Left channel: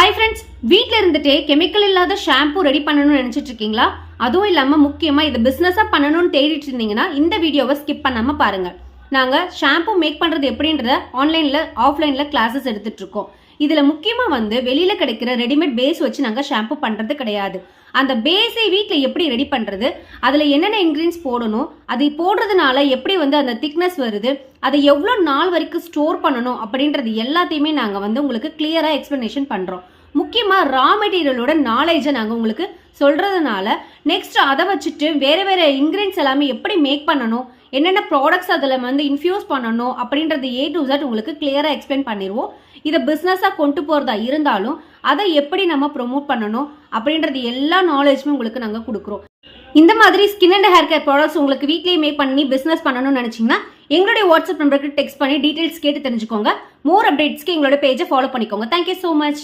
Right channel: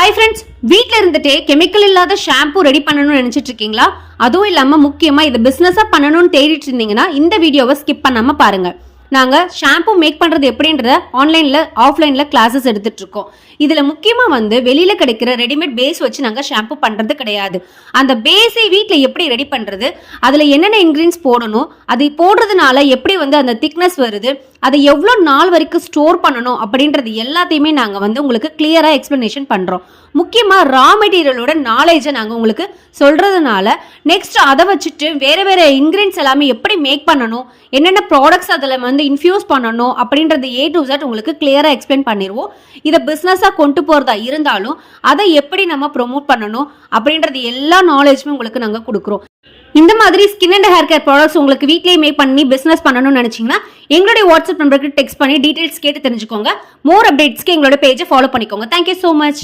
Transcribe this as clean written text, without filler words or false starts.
Hi friends, வீட்டில் இருந்துட்டே chemical இல்லாத ஷாம்பு ரெடி பண்ணணும்னு நினைச்சிட்டு இருக்கீங்களா? அதுவும் இல்லாமல் முக்கியமாக இதை பிஸ்னஸாக பண்ணணும்னு தேடிட்டு இருந்தீங்கன்னா இந்த வீடியோவை ஸ்கிப் பண்ணாமல் பாருங்கள். நாங்கள் ஷாம்பு மேக் பண்ணுறது எப்படின்றத ஆன்லைனில் ஆஃப்லைனில் கிளாஸஸ் எடுத்துகிட்டு இருக்கோம். இதில் முக்கியமாக வெளியில் கிடைக்கிற ரெடிமேட் பேஸ் வச்சு நாங்கள் ஷாம்பு பண்ணுறது கிடையாது. அந்த பேஸை வீட்டில் எப்படி ரெடி பண்ணுறது, அதில் என்னென்ன இன்க்ரீடியன்ஸ் போடணும், அது போடுறதுனால எப்படி அந்த திக்னஸ் வருது, அதை எவ்வளோ நாள் வரைக்கும் ஸ்டோர் பண்ணணும் அப்படின்றது எல்லாத்தையுமே நாங்கள் உங்களுக்கு கிளியராக எக்ஸ்பிளனேஷன் பண்ணுறோம். முக்கியமாக ரா மெட்டீரியலோட நாலேஜை நாங்கள் உங்களுக்கு சொல்கிறதுனால நெக்ஸ்ட் அதை வச்சுட்டு வேறு வேறு இன்க்ரீடியன்ஸ் எல்லாமே எப்படி மேக் பண்ணணும், என்னென்ன ப்ராடக்ட்ஸ் அதில் இன்ஃபியூஸ் பண்ணணும் அப்படின்றது A to Z உங்களுக்கு கிளியராக எக்ஸ்பிளைன் பண்ணிடுவோம். இதை பிஸ்னஸாக கொண்டு போகிறதா இருந்தாலும் அதை எப்படி நம்ம ப்ரொமோட் பண்ணணும் அப்படின்றது எல்லா நாலேஜுமே உங்களுக்கு நாங்கள் கொடுக்குறோம். இந்த மாதிரி skin and hair care products உங்களுக்கு வீட்லேயே மேக் பண்ணி பிஸ்னஸ் பண்ணணும்னு நினச்சிங்கன்னா எங்களுடைய வாட்ஸ்அப் நம்பருக்கு டெக்ஸ்ட் பண்ணி டீட்டெயில்ஸ் கேட்டு தெரிஞ்சுக்கோங்க. மோர் அப்டேட்ஸ்க்கு எங்களோட பேஜை ஃபாலோ பண்ணிக்கோங்க. Thank you so much.